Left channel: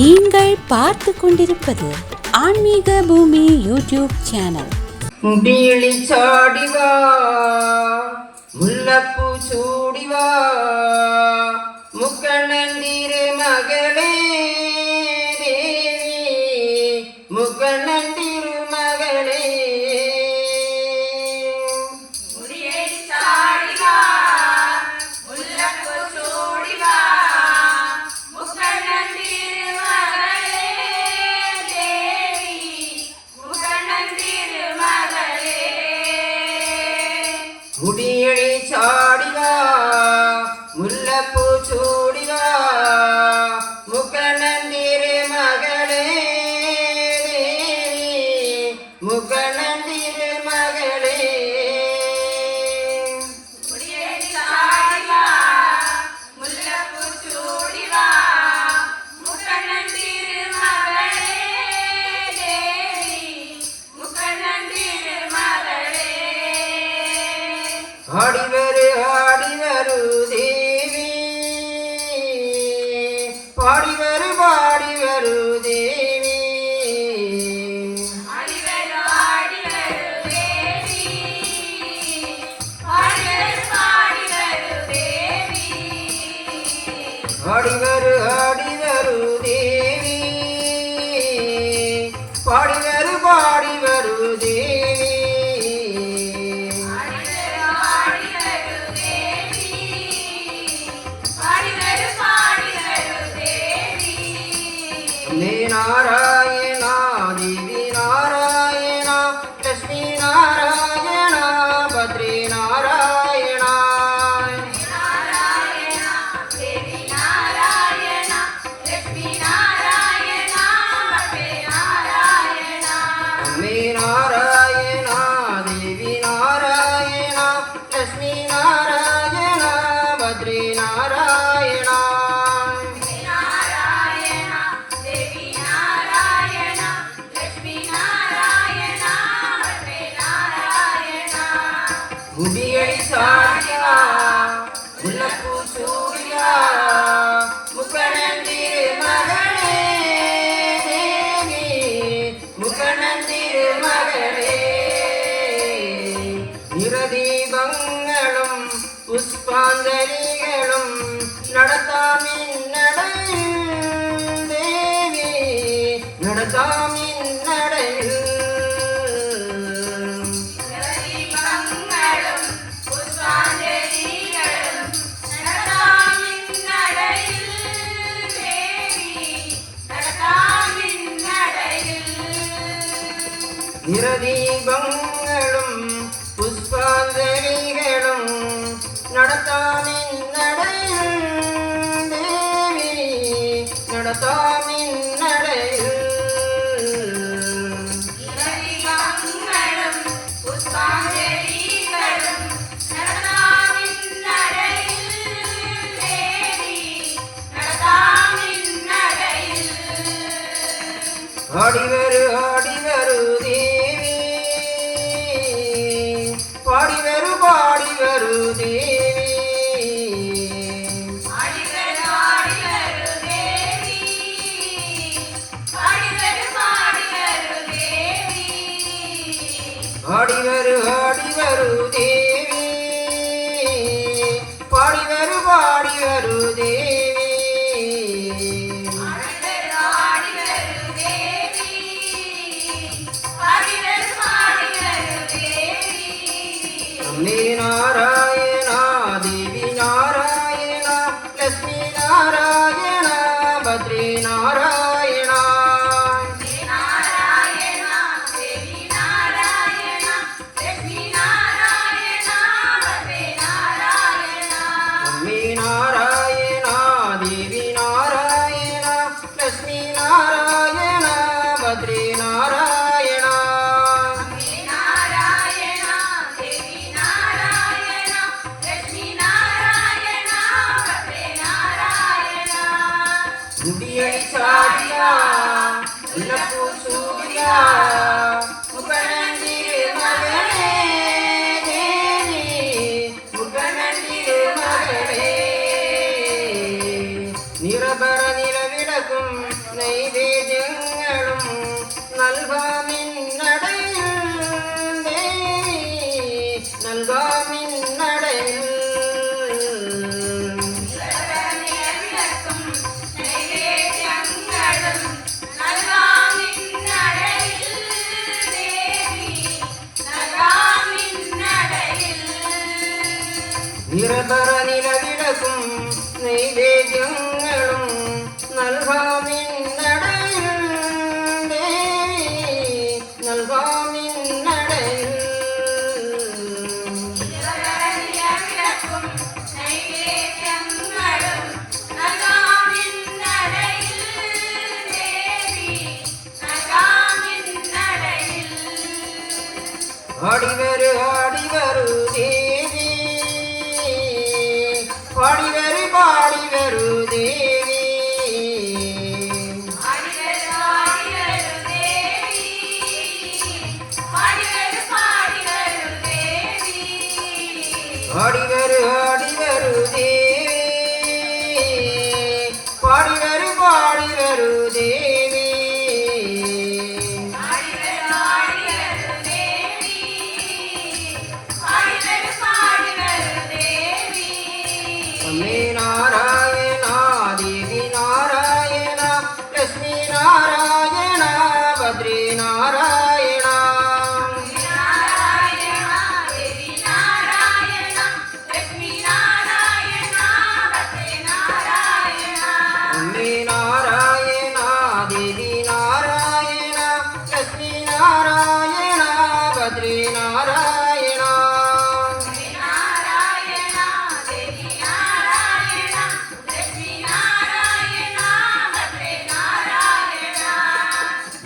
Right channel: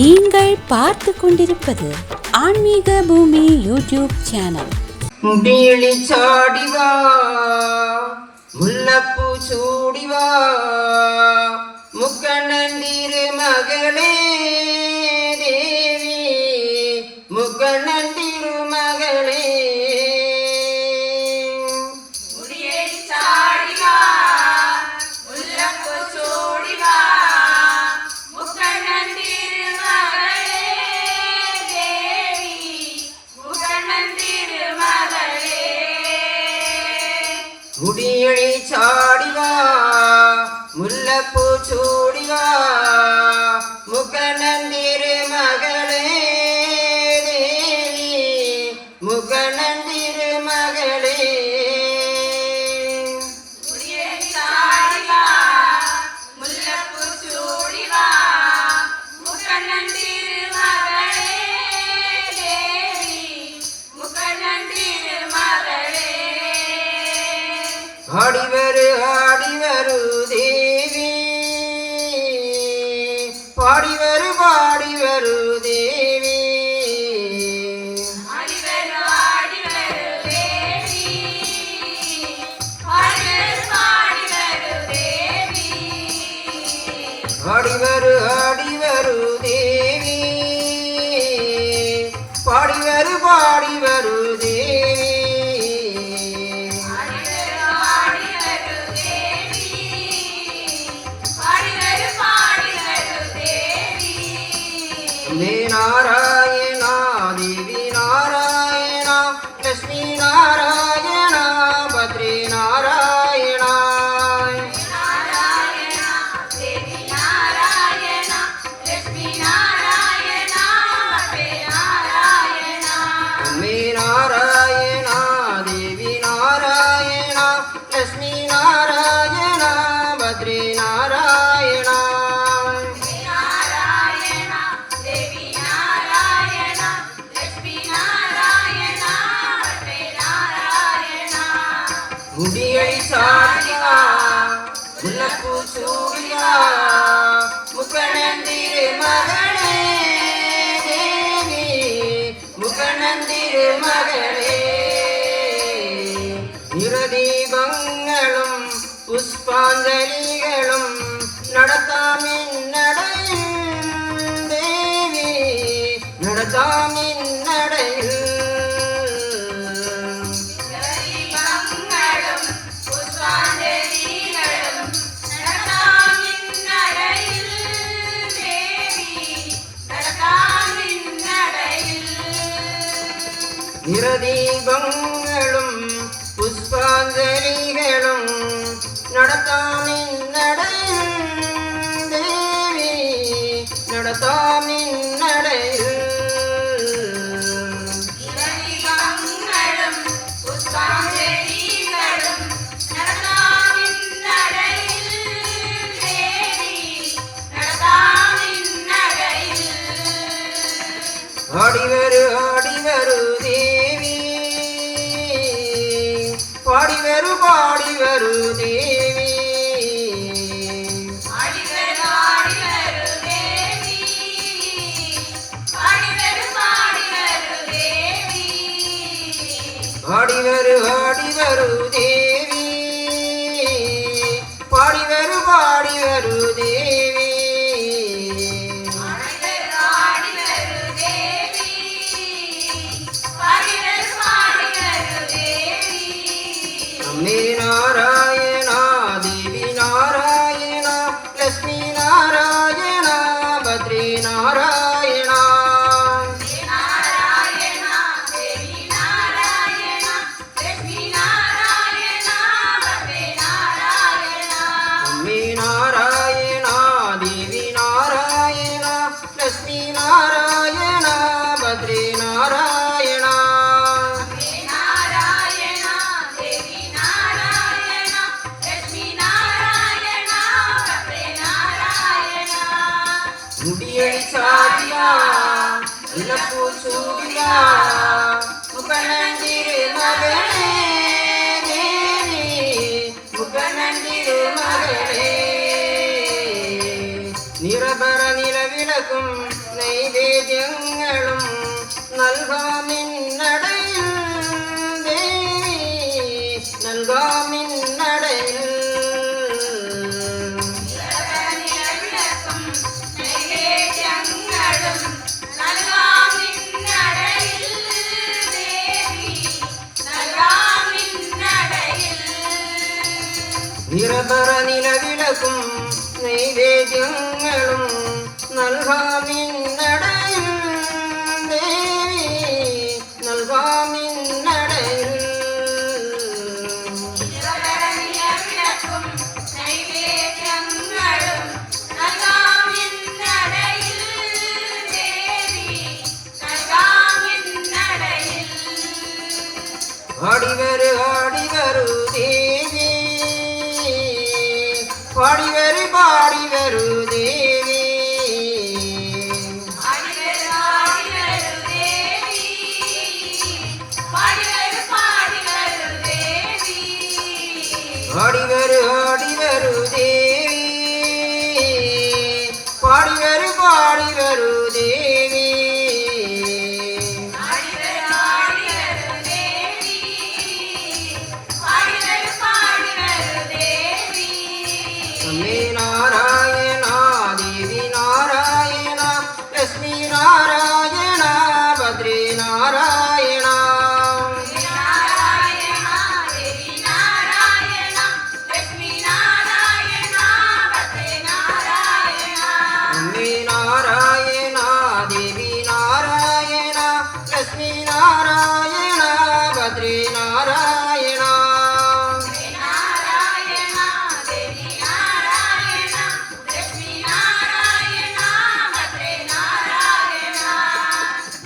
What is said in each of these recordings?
நீங்கள் பார்த்து கொண்டிருப்பது ஆன்மீக பூமி யூடியூப் சேனல். பீளி சாடிவா முல்லப்பூ சூடிவா முக்கண்ணந்திரு மகளே தேவி முக்கண்ணந்திரு மகளே முடியடி சாடிவா முல்லப்பூ சூடிவா முக்கண்ணந்திரு மகளே தேவி முக்கண்ணந்திரு மகளே ஆடிவரு தேவி பாடிவரு தேவி ஆடிவரு தேவி பாடிவரு தேவி நாராயண தேவி நாராயண லட்சுமி நாராயண பத்ரி நாராயண அம்மே நாராயண தேவி நாராயண லட்சுமி நாராயண பத்ரி நாராயண முடியடி சாடிவா முல்லப்பூ சூடிவா முக்கண்ணந்திரு மகளே தேவி முக்கண்ணந்திரு மகளே நிறதீபங்களும் புஷ்பாஞ்சலிகளும் நடத்தாமின் நடையில் தேவி நடத்தாமின் நடையில் நிறதீபங்களும் புஷ்பாஞ்சலிகளும் நடத்தாமின் நடையில் தேவி நடத்தாமின் நடையில் ஆடிவரு தேவி பாடிவரு தேவி ஆடிவரு தேவி பாடிவரு தேவி அம்மே நாராயண தேவி நாராயண லட்சுமி நாராயண பத்ரி நாராயண அம்மே நாராயண தேவி நாராயண லட்சுமி நாராயண பத்ரி நாராயண முடியடி சாடிவா முல்லப்பூ சூடிவா முக்கண்ணந்திரு மகளே தேவி முக்கண்ணந்திரு மகளே நிரபர நிலவிளக்கும் நெய்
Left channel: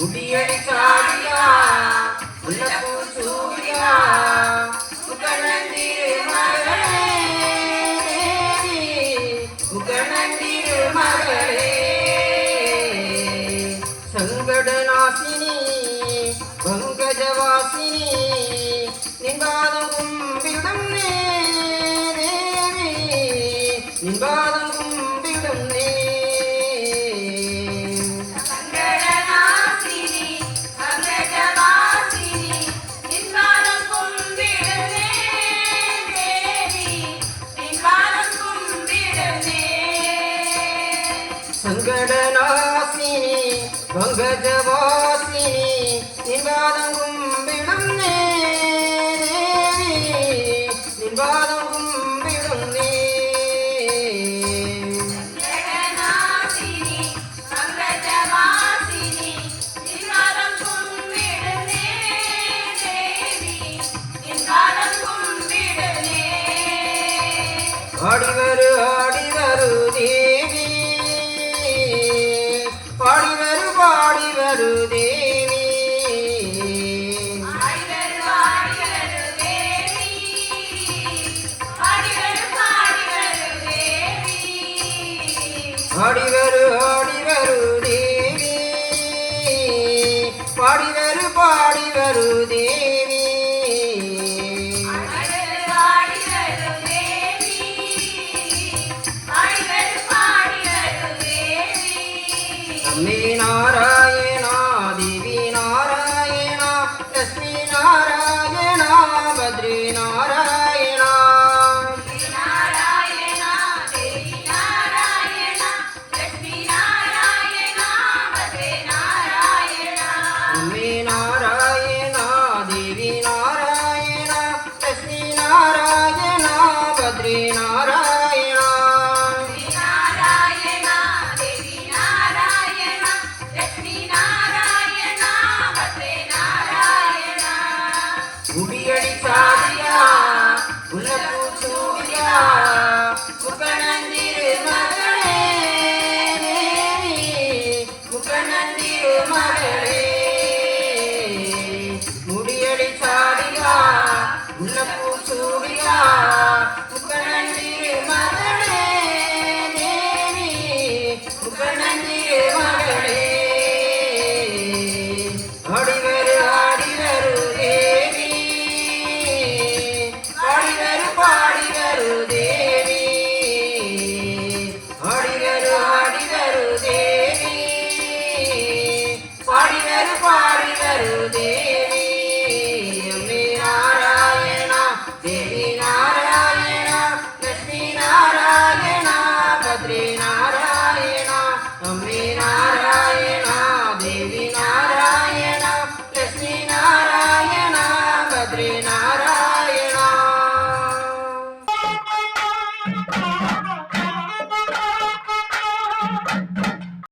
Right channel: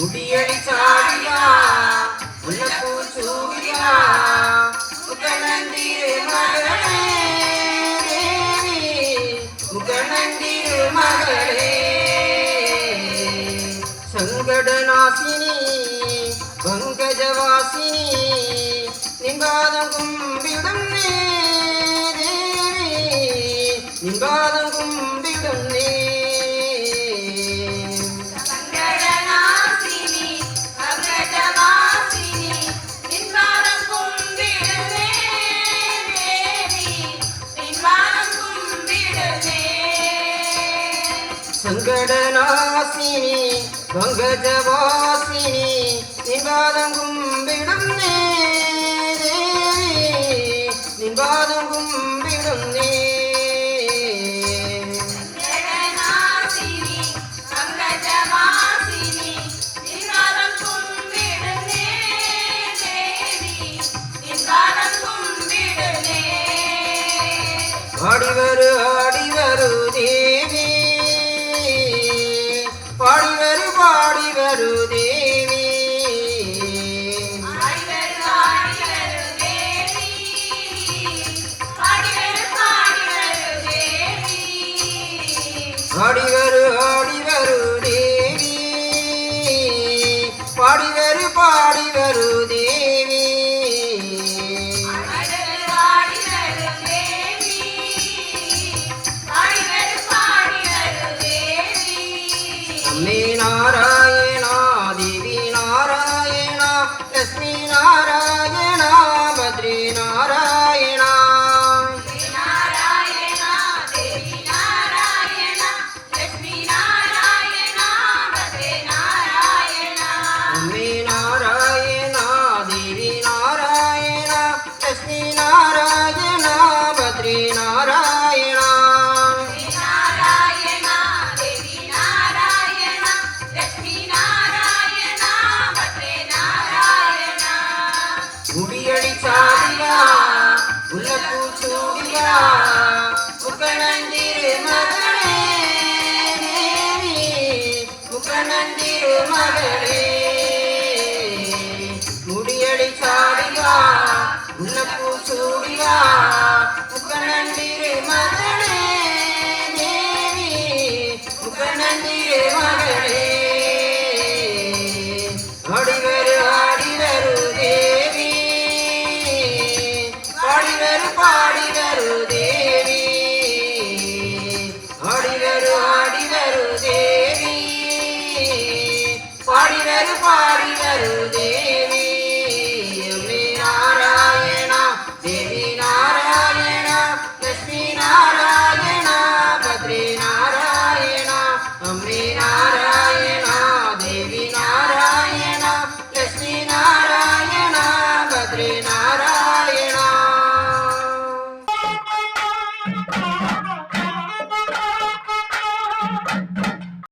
முடியடி சாடியா முல்லப்பூ சூடியா முகநந்திரு மகளே தேவி முகநந்திரு மகளே சங்கடநாசினி பங்கஜவாசினி நின்பாதம் கும்பிடும் தேவி நின்பாதம் கும்பிடும் சங்கடநாசினி சங்கடவாசினி நின்பாதம் கும்பிடுமே தேவி நின்பாதம் கும்பிடுமே சங்கடநாசினி பங்கஜவாசினி